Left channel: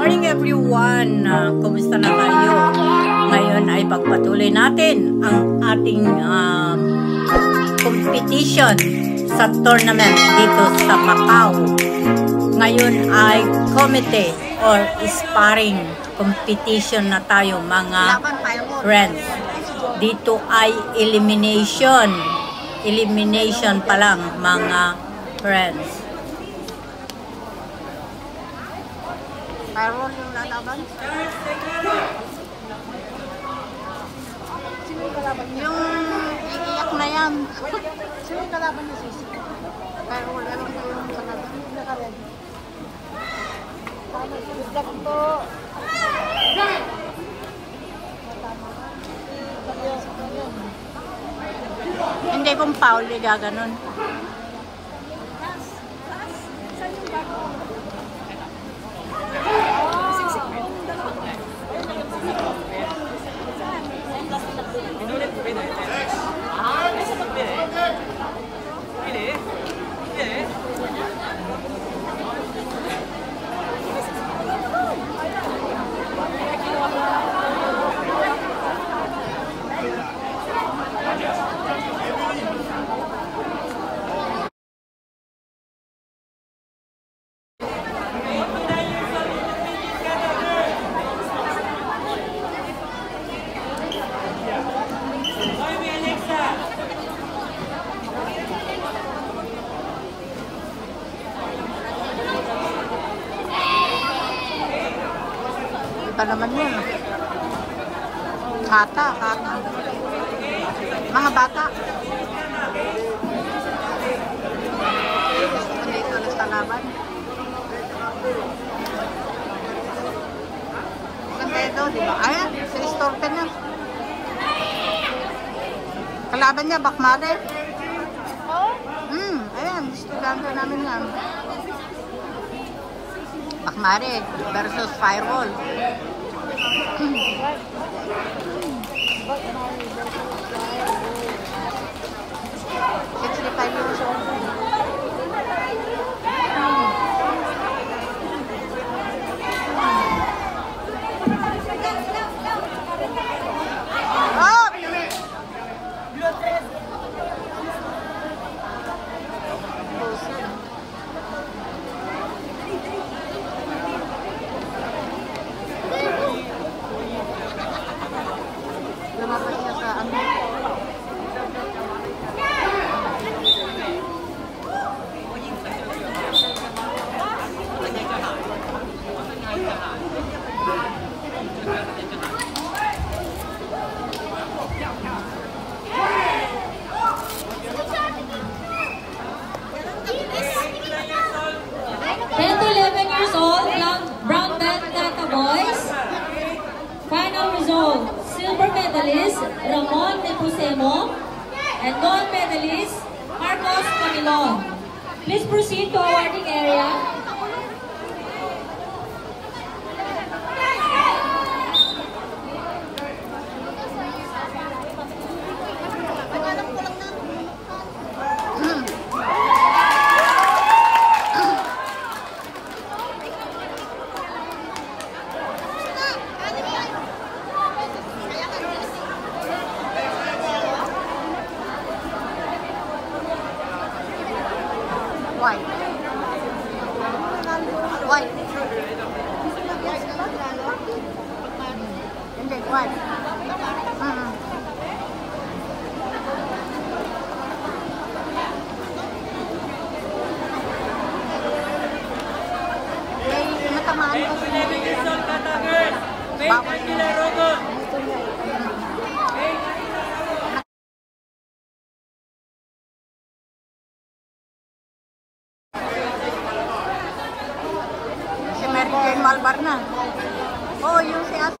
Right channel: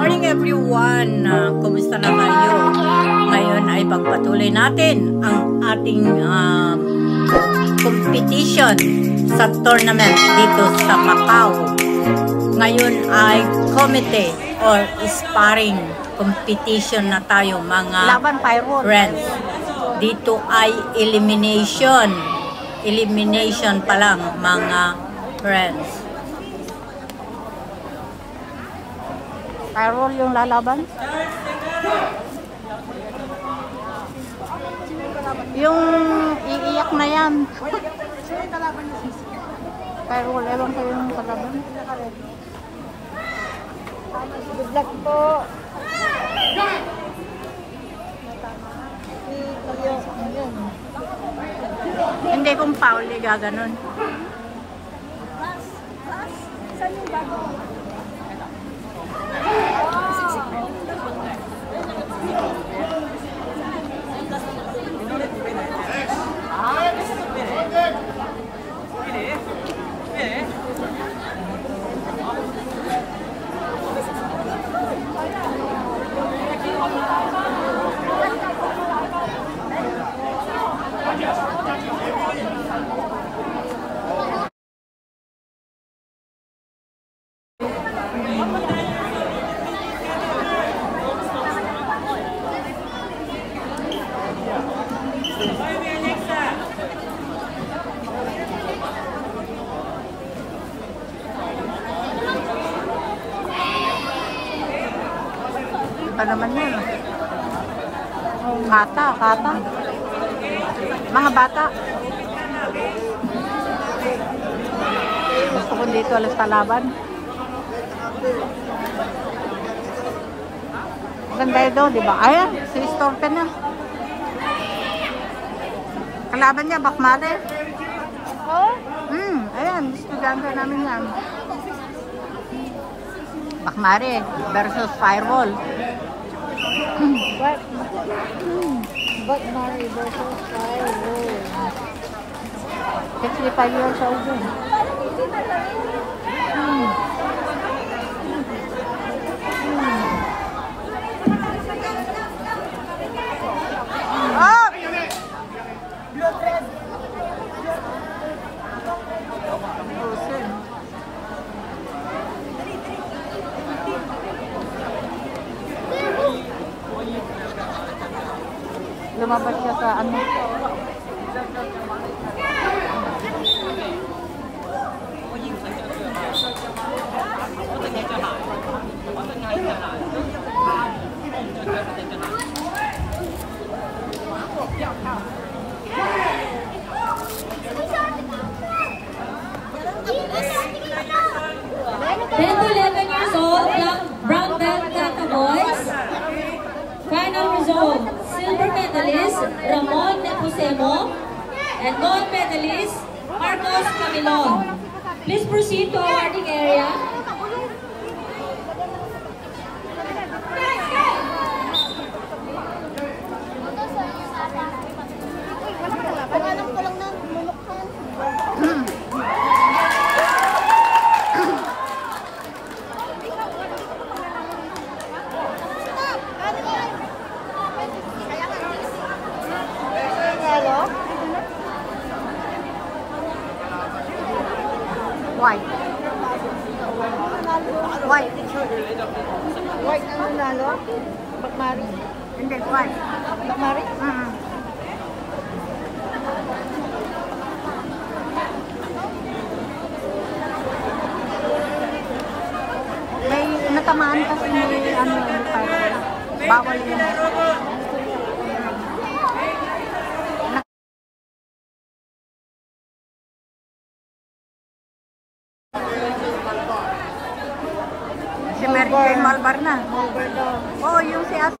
morning everyone! Kumusta na kayo? Ngayon ay pagpatuloy natin ang ating competition sa tournament dito sa Macau. Ngayon ay committee or sparring competition na tayo mga friends. Dito ay elimination. Elimination pa lang mga friends. Firewall yung lalaban? Yung iiyak na yan. Firewall, ewan ko yung kalaban. Hindi kung foul, gaganon. Saan yung bag mo? Iba naman yun. Kata. Mga bata. Gusto ko dito alas talaban. Ganda ito, di ba? Ayun, si Storte na. Kalaban niya, Bakmare. Ayan, estudyante namin yan. Bakmare versus Firewall. 65 years old. Lumabas na sa ano. Years old, brown belt Tata Boys. Final result, silver medalist Ramon Neposemo and gold medalist Marcos Camilon. Please proceed to awarding area. White. Hindi, white. May natamaan kasi may ano, bawal yun. Si Mary Jane Malbar na. Oh, yung si As.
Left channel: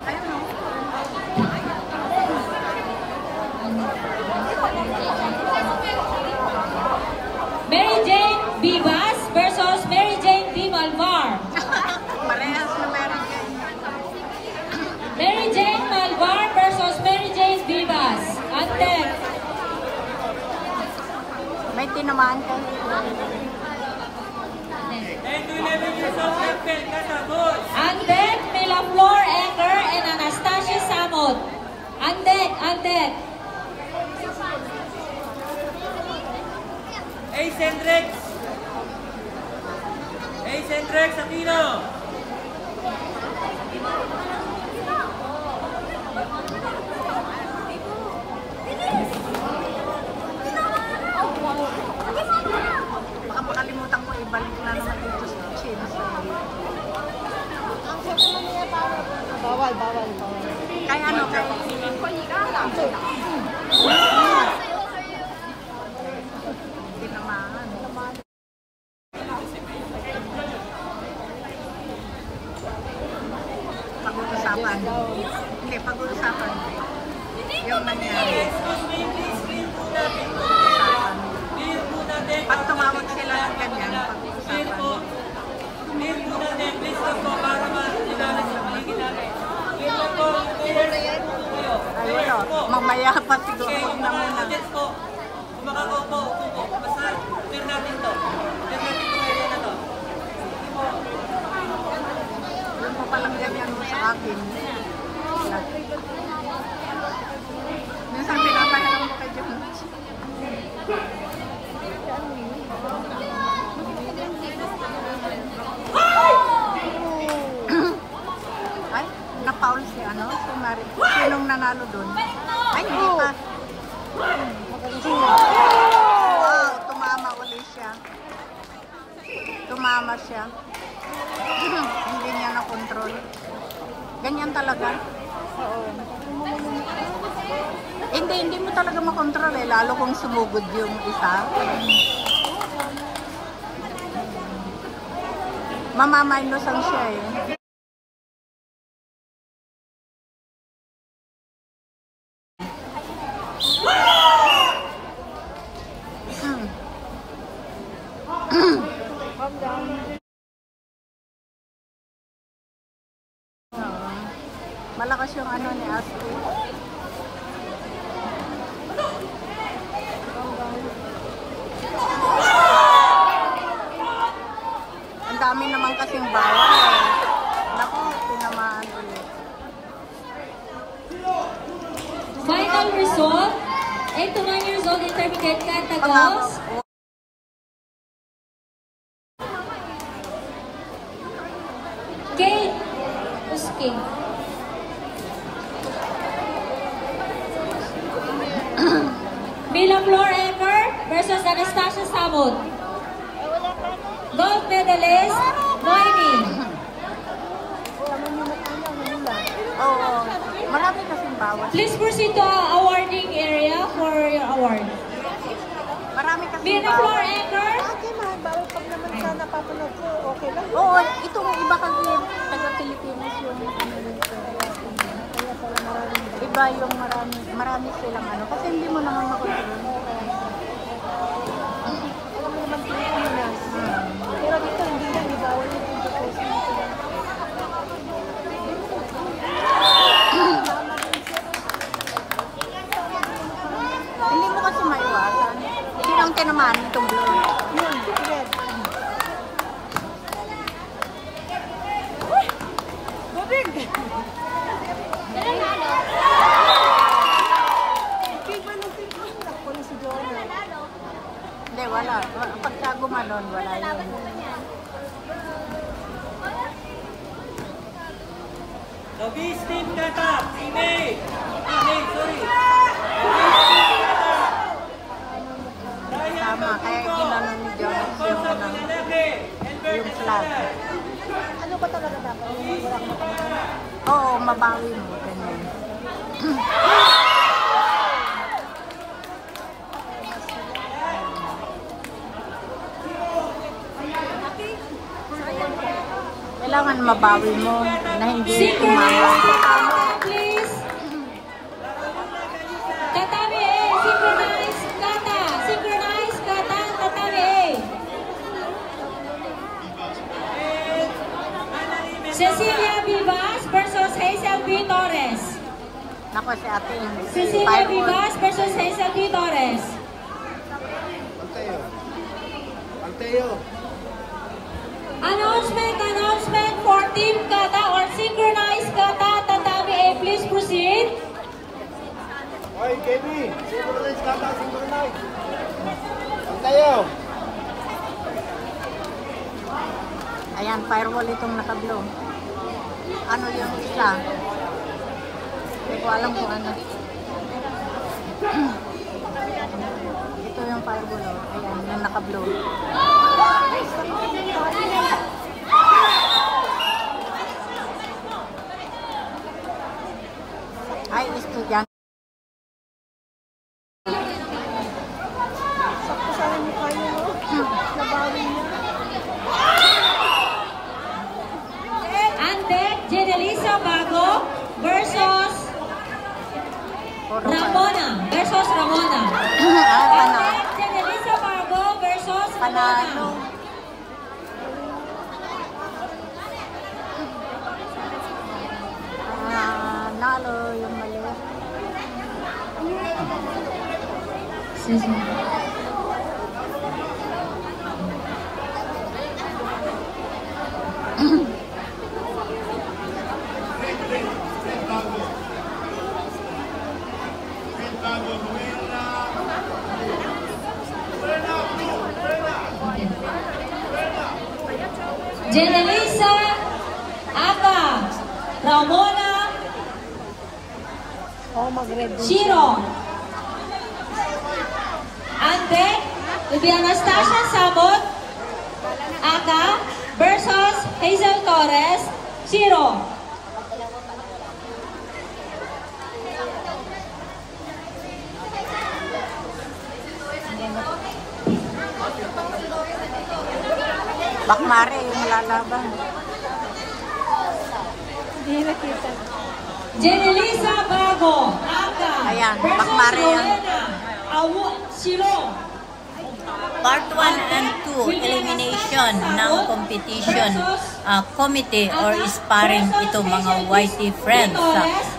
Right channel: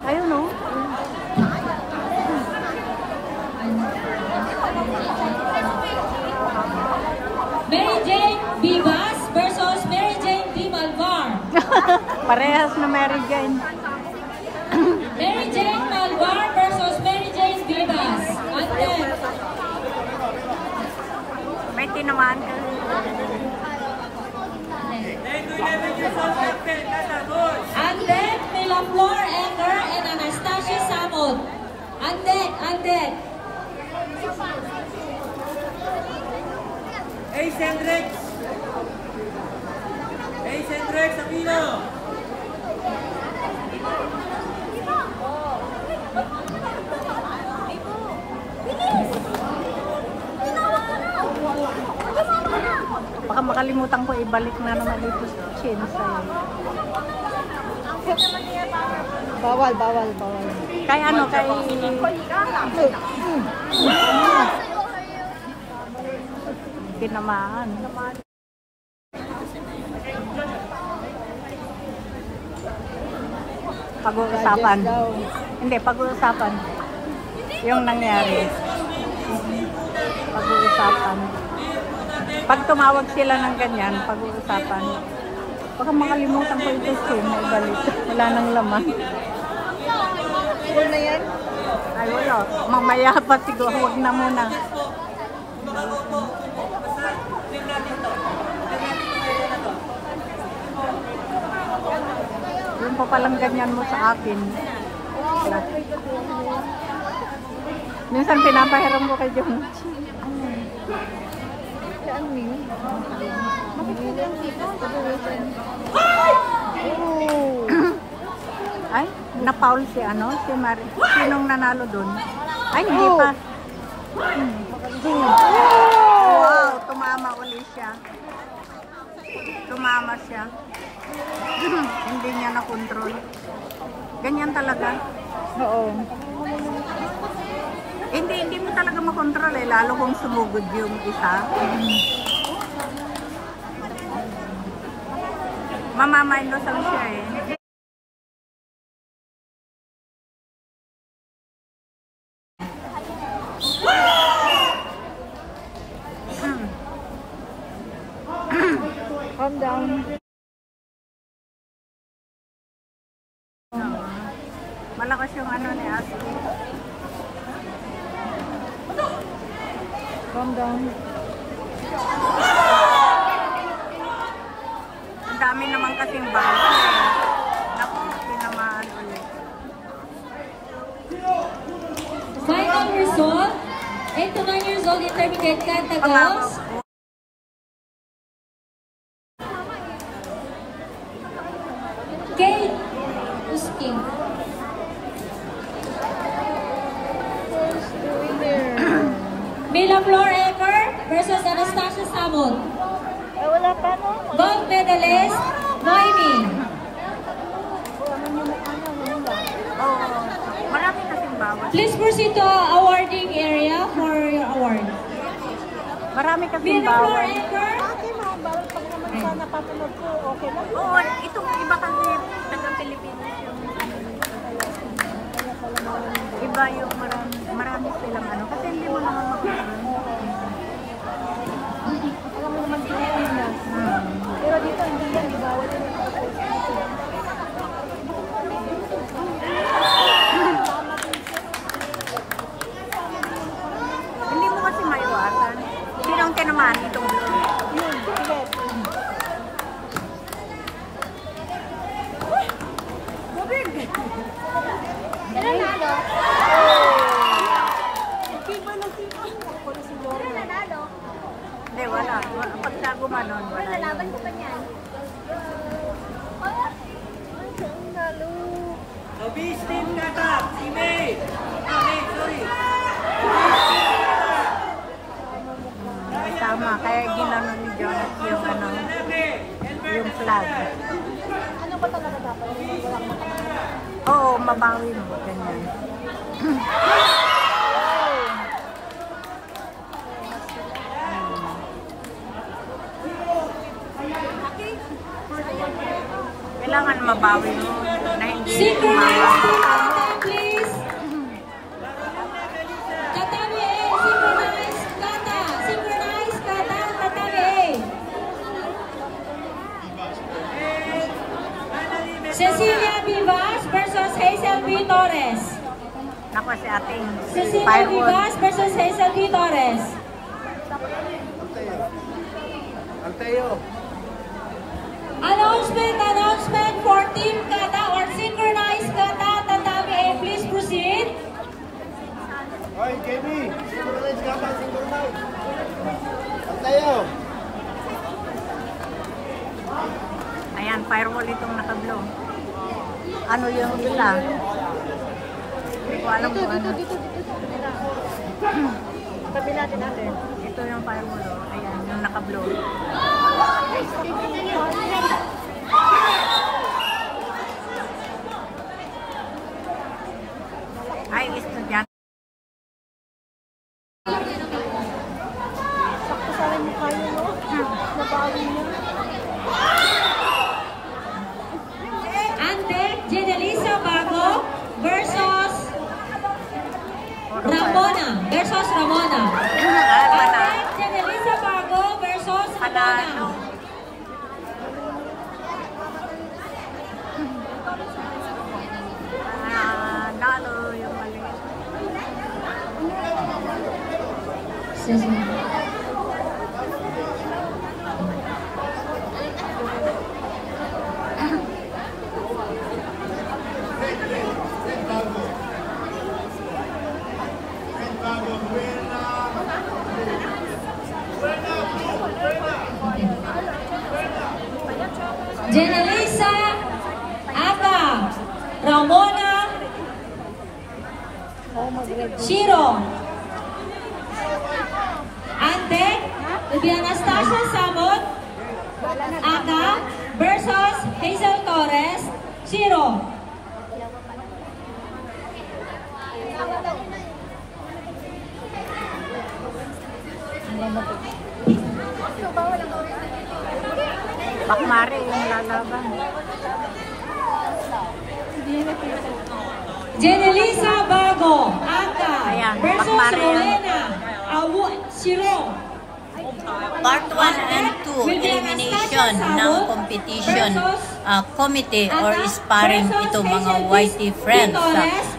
Ayun o. Mary Jane Vivas versus Mary Jane V. Malvar. Parehas na Mary Jane. Mary Jane Malvar versus Mary Jane Vivas. Ante. May tinamaan ka. Mila Flor Ecker and Anastasia Samot. On deck, on deck. Ace Hendrix! Ace Hendrix, Aquino! Baka makalimutan ko ibalik na naman dito sa Chinsay. Bawal. Kaya ano, tinamaan. Pag-uusapan. Hindi, pag-uusapan. Yung nangyari. Pag-uusapan. Pag tumawag sila ng ganyan, pag-uusapan. Baka makalimutan ko ito wala nang laman. Ay, wala. Mamaya pa siguro. Huwag na muna. Basta, clear natin to. Clear natin to ngayon na to. Yun pa palang ganyan mo sa akin. Minsan pinapahiram ko kay John. Ay, na-foul si ano? Si Mari. Sinong nanalo dun? Ay, hindi pa. Wow, tumama uli siya. Tumama siya. Hindi niya na-control. Ganyan talaga. Hindi mo talaga makontrol eh. Lalo kung sumugod yung isa. Mamamaindos lang siya eh. Malakas yung ano ni Ashley. Ang dami naman kasing bawal. Naku, tinamaan ulit. Final result, 8 to 9 years old intermediate kanta girls. Kate Usking. Mila Flor Ecker versus Anastasia Samot. Gold medalist, Noemi. Oo, marami kasing bawal. Please proceed to awarding area for your award. Marami kasing Mila Flor bawal. Ecker. Oo, itong iba kasi taga-Pilipinas yun. Iba yung marami silang ano. Kasi hindi mo naman makontrol. Hindi mo kasi maiwasan. Sino ang tinamaan itong blue? Hindi, wala. Pag siya gumanon, wala yun. Obis team kata, teammate. Sorry. Tama, kaya ginanon ni Jonas yung ano, yung flag. Oo, mabawi mo, ganyan. Kailangan mabawi mo na hindi Synchronized please. Tatami A, synchronized kata. Synchronized kata, tatami A. Cecilia Vivas versus Hazel B. Torres. Nako si ating Cecilia firewood. Vivas versus Hazel B. Torres. Alteo. Announcement for team kata or synchronized Ayan, firewall itong naka-blue. Ano yung isa? Hindi ko alam kung ano. Ito yung firewall. Oh. Ayan, yung naka-blue. Ay, estudyante. Antec Jenelisa Bago versus Ramona. Antec Jenelisa Bago versus Ramona. Nalo yung mali. Jenelisa Aga, Ramona Shiro. Antec Anastasia Samot Aga versus Hazel Torres Shiro. Bakmare yung lalaban. Jenelisa Bago, Aga Ayan, versus Bakmare yan. Rowena Shiro. Part 1 and 2, elimination ng competition committee or sparring ito mga YT friends.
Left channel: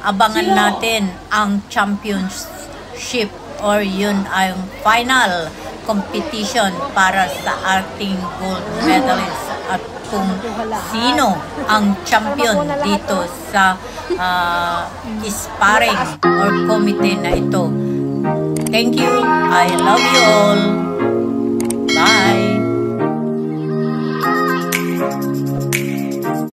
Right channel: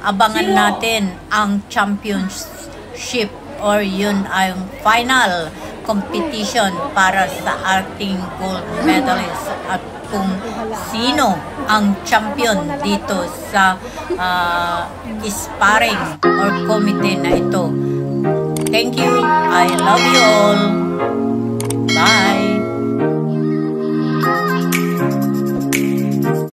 Abangan natin ang championship or yun ang final competition para sa ating gold medalist at kung sino ang champion dito sa sparring or committee na ito. Thank you. I love you all. Bye.